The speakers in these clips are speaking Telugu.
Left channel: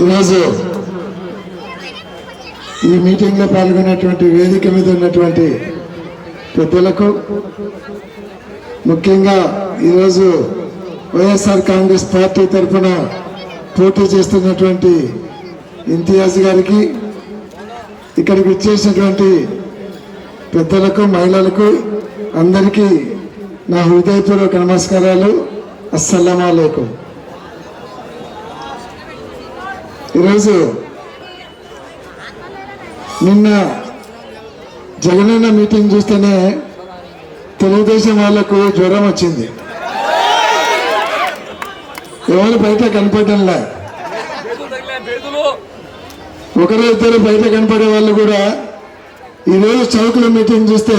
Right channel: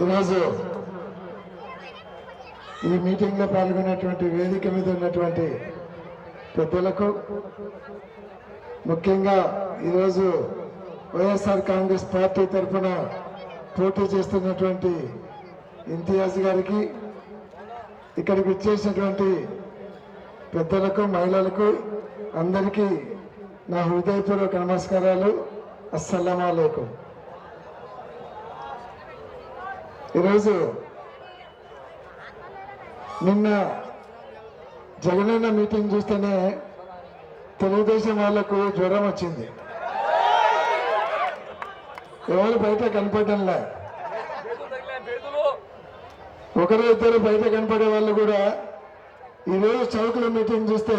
ఈరోజు ఈ మీటింగ్లో పాల్గొన్నటువంటి వేదిక మీద ఉన్నటువంటి పెద్దలకు ముఖ్యంగా ఈరోజు వైఎస్ఆర్ కాంగ్రెస్ పార్టీ తరఫున పోటీ చేస్తున్నటువంటి ఇంతియాజ్ గారికి ఇక్కడికి వచ్చేసినటువంటి పెద్దలకు మహిళలకు అందరికీ నా హృదయపూర్వక నమస్కారాలు. అస్సలం అయికం ఈరోజు నిన్న జగనన్న మీటింగ్ చూస్తేనే తెలుగుదేశం వాళ్ళకు జ్వరం వచ్చింది. ఎవరు బయట కనపడంలా ఒకరు ఇద్దరు బయట కనపడే వాళ్ళు కూడా ఈరోజు చౌకుల మీటింగ్ చూస్తే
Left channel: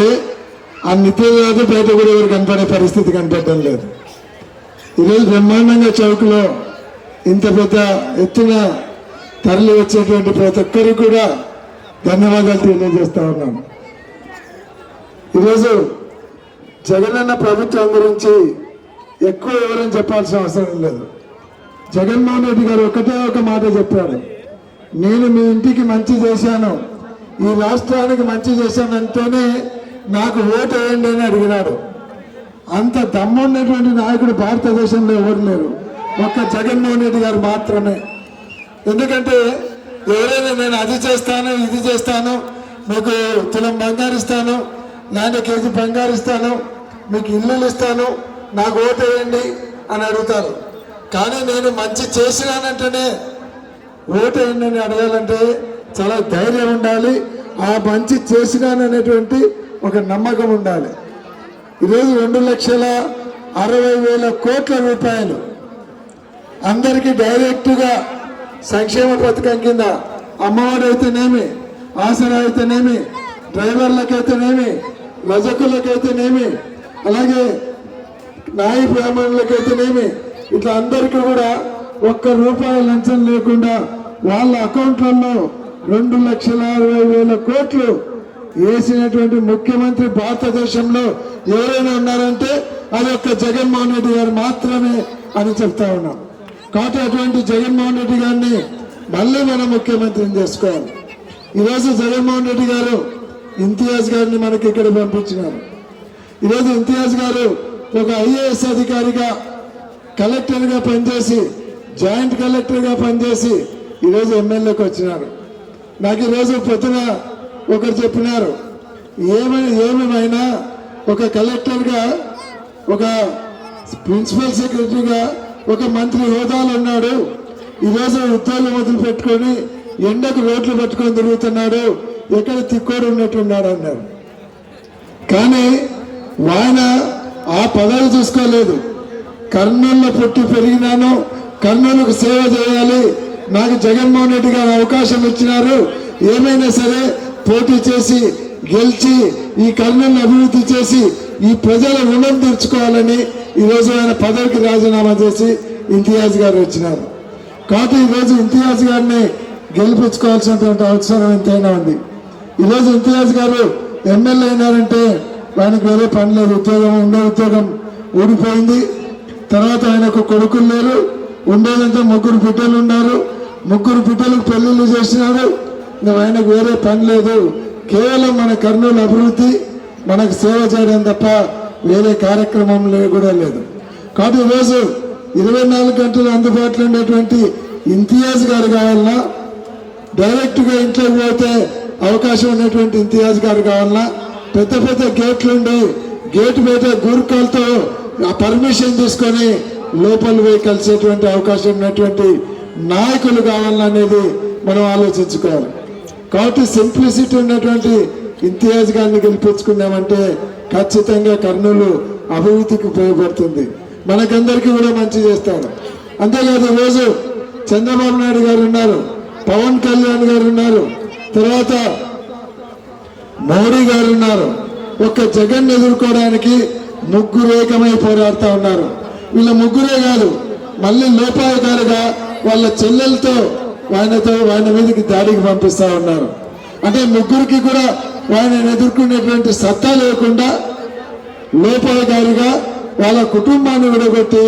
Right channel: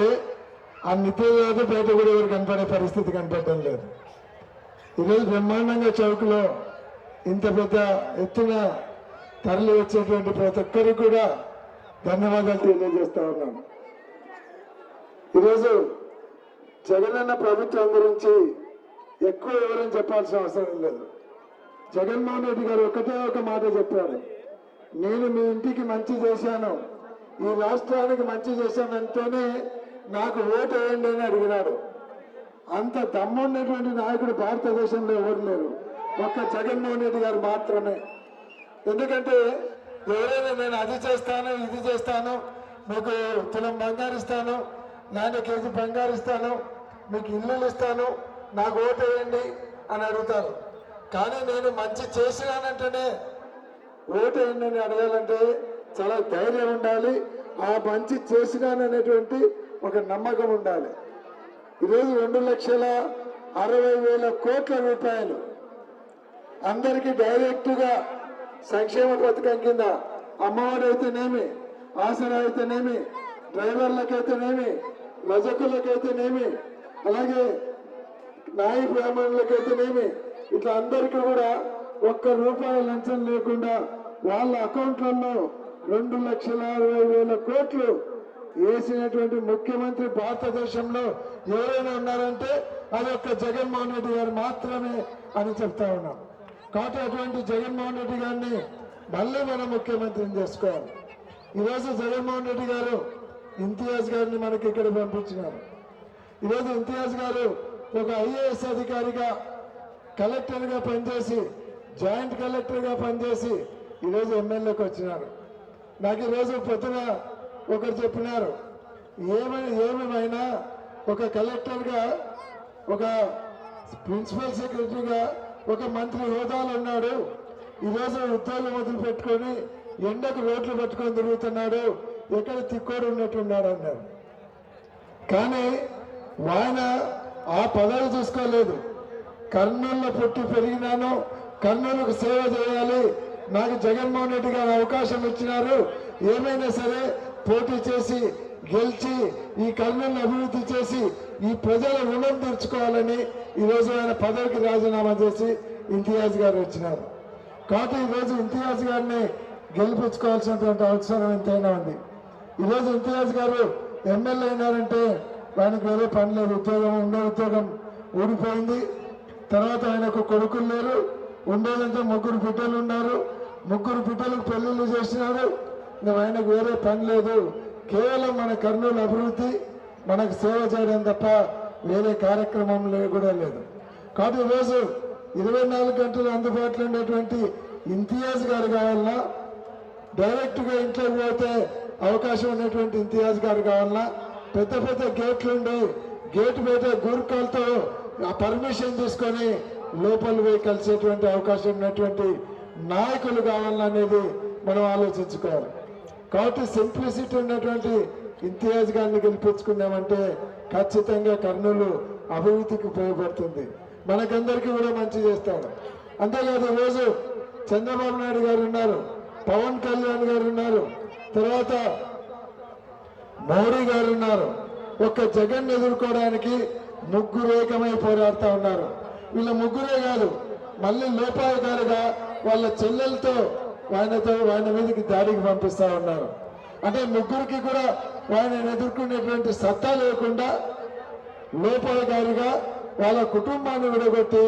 ఆ నిత్యజాతి బయట కూడా ఎవరు కనపడే పరిస్థితి కనపడడం లేదు. ఈరోజు బ్రహ్మాండంగా చౌకలో ఇంత పెద్ద ఎత్తున తరలి వచ్చేటువంటి ప్రతి ఒక్కరికి కూడా ధన్యవాదాలు తెలియజేస్తా ఉన్నాను. ఈరోజు జగనన్న ప్రభుత్వం గురించి ఎక్కువ వివరం చెప్పాల్సిన అవసరం లేదు. జగన్మోహన్ రెడ్డి గారు ఒకటే ఒక మాట చెప్పాడు నేను మీ ఇంటికి మంచి చేశాను ఈ రాష్ట్రానికి మంచి చేశానంటేనే నాకు ఓటు వేయండి అని అడిగినాడు. అంత దమ్మున్నటువంటి నాయకుడు భారతదేశంలో ఎవరు లేరు. ఒక్క జగన్మోహన్ రెడ్డి గారు మాత్రమే. ఎందుకంటే ఎవరైనా నేను అది చేస్తాను ఇది చేస్తాను మీకు తులం బంగారు ఇస్తాను నాన్న కేజీ బంగారు ఇస్తాను మీకు ఇల్లులు ఇస్తాను నాకు ఓటు వేయండి అని అడుగుతారు. కానీ నేను మంచి చేసినానంటేనే ఓటు వేయండి అని అడగాలంటే చాలా ధైర్యం ఉండాలి. ఆ మంచి చేసినాననేటువంటి ఒక నమ్మకం ఉండాలి. ఈరోజు రెండు లక్షల అరవై వేల కోట్ల రూపాయలు అందరికీ డైరెక్ట్గా సంక్షేమ పథకం కింద అమ్మఒడి అయితేనేమి ఆసరా అయితేనేమి డ్రైవర్లకైతేనేమి రజకులకైతేనేమి అలాగే నాయి బ్రాహ్మణులకైతేనేమి ఇట్లా అందరికీ కూడా ఒక్క రూపాయి లంచం లేకుండా వాళ్ళ అకౌంట్లలో రెండు లక్షల అరవై వేల కోట్లు వేసినటువంటి ముఖ్యమంత్రి భారతదేశంలో ఎవరైనా ఉన్నారంటే అది ఒక్క జగన్మోహన్ రెడ్డి గారు మాత్రమే అని చెప్తా ఉన్నాం. కాబట్టి అటువంటి జగన్మోహన్ మళ్ళీ మనం ముఖ్యమంత్రిని చేసుకోవాలి. ఈరోజు జగన్మోహన్ రెడ్డి గారు ఇంతియాజ్ గారిని మనకి ఇక్కడ పంపించినారు. ఈరోజు ఇంతియాజ్ గారు ఒక ఐఏఎస్ అధికారిగా కలెక్టర్గా పనిచేసి జాయింట్ కలెక్టర్గా పనిచేసి ఈరోజు ఎమ్మెల్యేకి వచ్చినారు. నాకు ఈరోజు పొద్దున ఒకరు చెప్పినారు ఏమైనా ఏమేమైనా ఒక కలెక్టర్గా ఒక ప్రిన్సిపల్ సెక్రటరీగా ఒక మంత్రి హోదాలు ఉన్నాడు. ఈరోజు ఉద్యోగం వదిలిపెట్టుకొని ఎండకు రోడ్లు పట్టుకొని తిరుగుతున్నాడు. ఎక్కడ తిక్కోడు ఉన్నట్టున్నాడు అన్నారు. కానీ ఆయన ఆ పదవి చూసుకోలేదు. కర్నూలులో పుట్టి పెరిగినాను. కర్నూలుకు సేవ చేయాలి. నాకు జగన్మోహన్ రెడ్డి గారు అవకాశం ఇచ్చినారు. ఏమైనా సరే పోటీ చేసి గెలిచి ఈ కర్నూలు అభివృద్ధి చేసి ఈ ప్రజల రుణం తీర్చుకోవాలని ఈరోజు ఆయన పదవికి రాజీనామా చేసి ఇంతియాజ్ గారు వచ్చినారు కాబట్టి ఈరోజు ఇంతియాజ్ గారిని గెలిపించుకోవాల్సినటువంటి అవసరం ఎంతైనా ఉంది. ఈరోజు ఇంతియాజ్ గారు ఎమ్మెల్యే అయినారంటే ఆయనకు వేరే పని లేదు. ఉద్యోగం ఉండే ఉద్యోగం ఊడిపోయింది. తర్వాత ఆయనకు కొడుకులు లేరు. ఉండేదంటే ముగ్గురు బిడ్డలు ఉన్నారు. ముగ్గురు బిడ్డలకు పెళ్ళిళ్ళు చేసినారు. ఇంకా ఆయనకు వేరే పని లేదు. కేవలం మన కర్నూలు అభివృద్ధి మనకు సేవ చేయడం తప్ప వేరే కార్యక్రమం కూడా లేదు. కాబట్టి ఈరోజు ఇరవై నాలుగు గంటలు అందుబాటులో ఉన్నటువంటి ఇంతియాజ్ గారు కావాలన్నా డైరెక్ట్గా ఇంట్లోకి పోతే అవకాశం ఉన్నటువంటి ఇంతియాజ్ గారు కావాలన్నా పెద్ద పెద్ద గేట్లు ఉండి గేట్ బయట గురుకాలతో ఆ పర్మిషన్ తీసుకొని లోపల పోయి కలిసేటువంటి అవకాశం ఉన్నటువంటి నాయకులు కావాలనేది మనం ఆలోచించుకోవాలి. కాబట్టి సింప్లిసిటీ ఉన్నటువంటి ఇంతియాజ్ గారిని గెలిపించుకున్నామంటే ఖచ్చితంగా కర్నూలు అభివృద్ధికి ఉపయోగపడుతుంది. మనకందరికీ కూడా మంచి చేస్తారు అంతేకాదు ఈరోజు చంద్రబాబు నాయుడు గారు ఉన్నారు పవన్ కళ్యాణ్ గారు ఉన్నారు తర్వాత మోడీ గారు ఉన్నారు. ఒక్క జగన్ ఎదుర్కోవడానికి ముగ్గురేకమై పోరాడుతూ ఉన్నారు. వీళ్ళ ముగ్గురే కాదు మళ్ళీ లోపాయకారుగా వాళ్ళ చెల్లెలతో ఆయనతో ఆయన మీదకి దాడికి పంపిస్తా ఉన్నారు. అంటే ముగ్గురికి కూడా ఆయన ఎదుర్కొనేటువంటి సత్తా లేకుండా లోపాయకారిగా వాళ్ళ కుటుంబాన్ని విడగొట్టి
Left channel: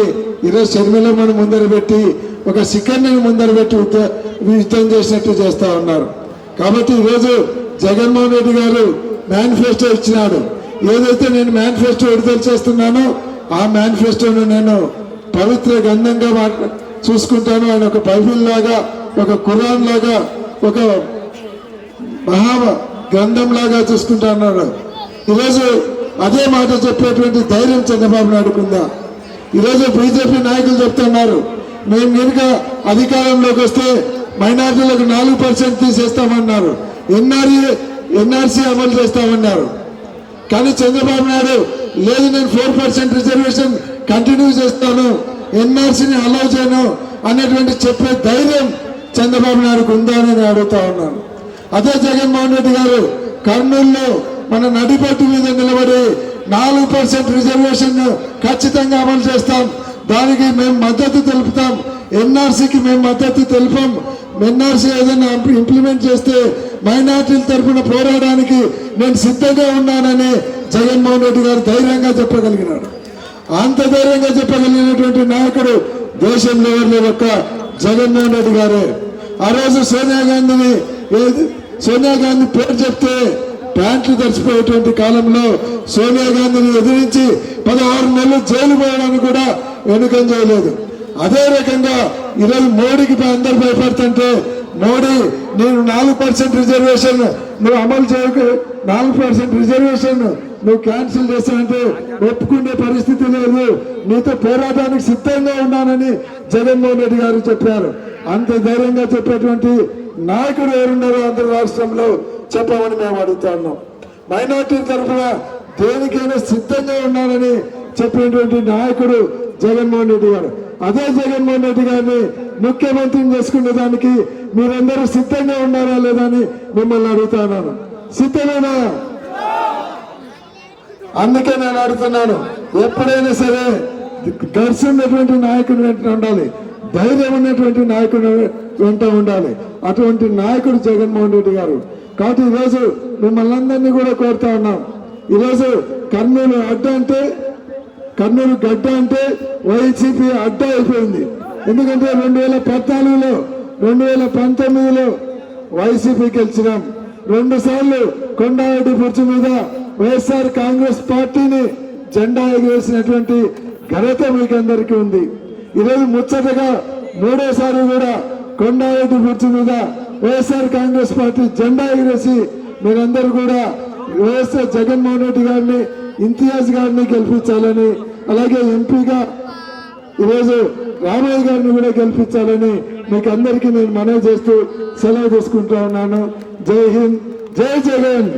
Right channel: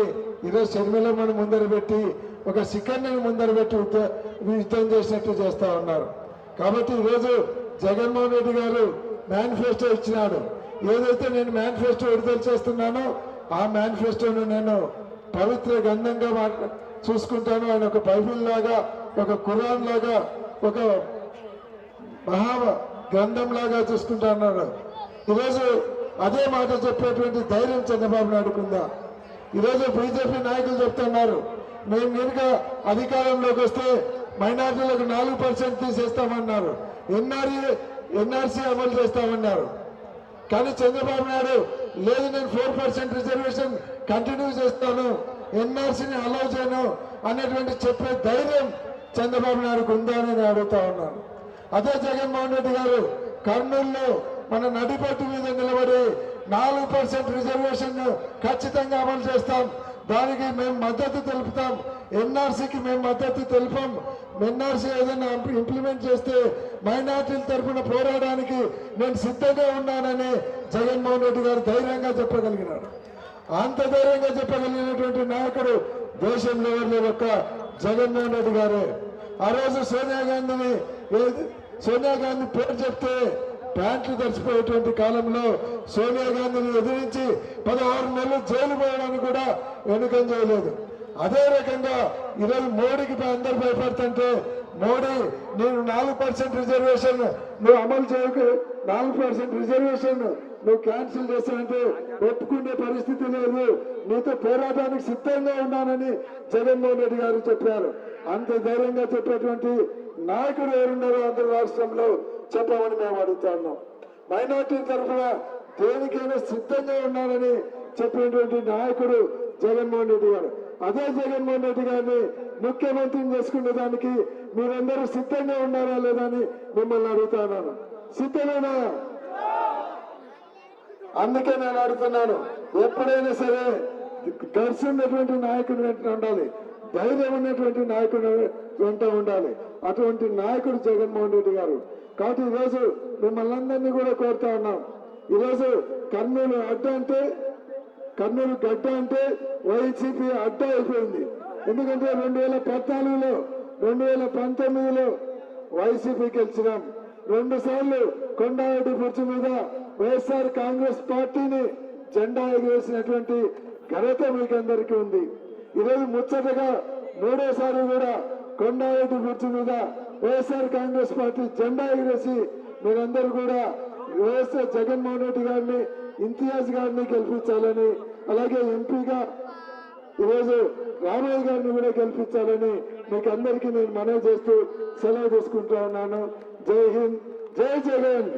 ఈరోజు షర్మిలమ్మను ముందర పెట్టి ఒక శిఖర్ని ముందర పెట్టి యుద్ధం చేసినట్టు చేస్తూ ఉన్నారు. కాబట్టి ఈరోజు జగన్మోహన్ రెడ్డి గారు మేనిఫెస్టో ఇచ్చినాడు. ఏదైతే నేను మేనిఫెస్టో విడుదల చేస్తున్నానో ఆ మేనిఫెస్టోను నేను పవిత్ర గంధంగా చూసుకుంటాను. ఆయన ఒక బైబిల్ లాగా ఒక కురాన్ లాగా ఒక మహా గ్రంథం లాగా చూసుకుంటా అన్నాడు ఈరోజు అదే మాట చెప్పేటువంటి ధైర్యం చంద్రబాబు నాయుడుకుందా ఈరోజు బీజేపీ నాయకులు చెప్తున్నారు మేము కనుక అధికారంలోకి వస్తే మైనార్టీలకు నాలుగు పర్సెంట్ తీసేస్తామన్నారు. ఎన్ఆర్ఏ ఎన్ఆర్సీ అమలు చేస్తామన్నారు. కానీ చంద్రబాబు నాయుడు లేదు నేను ఫోర్ పర్సెంట్ రిజర్వేషన్ కంటిన్యూ చేస్తాను ఎన్ఆర్సీని అలౌ చేయను అనేటువంటి చెప్పే ధైర్యం చంద్రబాబు నాయుడుకు ఉందా అని అడుగుతా ఉన్నాను. అదే జగన్మోహన్ రెడ్డి గారు కర్నూలులో మన నడిపట్టు మీద నిలబడి నాలుగు పర్సెంట్ రిజర్వేషన్ ఖచ్చితంగా అమలు చేస్తాం. దానికి మేము మద్దతు తెలుపుతాం. ఎన్ఆర్సీకి మేము మద్దతు తెలిపాం. ఎన్ఆర్సీ ఏదైనా ఇంప్లిమెంట్ చేస్తే మైనార్టీల తరఫున పోరాడడానికి నేను సిద్ధంగా ఉన్నానని జగన్మోహన్ రెడ్డి గారు ధైర్యంగా చెప్పగలిగినాడు అంత ధైర్యంగా చెప్పగలిగినటువంటి నాయకుడు దేశంలో ఒక్క జగన్మోహన్ రెడ్డి గారే. ఆ రోజు సోనియా గాంధీని సోనియా గాంధీ పేరు చెప్తే ప్యాంట్లు తడిచిపోయేటువంటి కాలంలో సోనియా గాంధీని ఎదిరించి పదహారు నెలలు జైలు పోయడానికి కూడా వెనుకం చేయలేదు అదే రకంగా ఈరోజు మోడీకి అందరు భయపడుతుంటే మోడీ నేను నాలుగు పర్సెంట్ రిజర్వేషన్ నువ్వు అమలు చేయకు నాలుగు పర్సెంట్ రిజర్వేషన్ నువ్వు క్యాన్సిల్ చేస్తానంటే ఒప్పుకునే పరిస్థితి లేదు. నీతో పోరాటానికి సిద్ధంగా ఉన్నానని జగన్మోహన్ రెడ్డి గారు చెప్పారు. అంత ధైర్యంగా చెప్పేటువంటి నాయకుడు ఎవరున్నారో ఆంధ్ర రాష్ట్రంలో చెప్పమని మేము అడుగుతా ఉన్నాం. మైనార్టీ తరఫున దేనికైనా సిద్ధంగా ఉండాలని చెప్పినటువంటి నాయకుడు జగన్మోహన్ రెడ్డి గారు. అదే జగన్మోహన్ రెడ్డి గారిని ముఖ్యమంత్రిని చేసుకునే దానికి మీరందరూ సిద్ధంగా ఉన్నారా లేదా అని మిమ్మల్ని అడుగుతున్నాను సిద్ధమేనా? అందుకే నేను అడుగుతున్నాను. ఎప్పుడైనా సరే గర్స్ ఉన్నటువంటి నాయకుడు వెంట ఉండాలి. ధైర్యం ఉన్నటువంటి నాయకుడు వెంట ఉండాలి. అటువంటి నాయకుడు జగన్మోహన్ రెడ్డి గారు. కాబట్టి ఈరోజు మిమ్మల్ని అందరినీ కూడా కోరుతా ఉన్నాం. ఈరోజు కర్నూలు అడ్డ అంటే కర్నూలు గడ్డ అంటే వైసీపీ అడ్డ అయిపోయింది. ఎందుకంటే రెండు వేల పద్నాలుగులో రెండు వేల పంతొమ్మిదిలో వైసీపీ గెలిచినాం. రెండు సార్లు కొండారెడ్డి బుర్జు మీద వైఎస్ఆర్ కాంగ్రెస్ పార్టీని జెండా ఎగరేసినటువంటి ఘనత మీకందరికీ ఉంది. ఈరోజు ముచ్చటగా మూడోసారి కూడా కొండారెడ్డి బుర్జు మీద వైఎస్ఆర్ కాంగ్రెస్ పార్టీ జెండా ఎగరేసి మీరందరూ కూడా వైఎస్ఆర్ జగన్మోహన్ రెడ్డి గారిని ఇంతియాజ్ గారిని గెలిపించాలని అలాగే ఎంపీగా ఈరోజు రామయ్య గారిని కూడా గెలిపించాలని మీకు అందరికీ నేను మనవి చేస్తూ సెలవు తీసుకుంటా ఉన్నాను. జై హింద్ జై జగన్!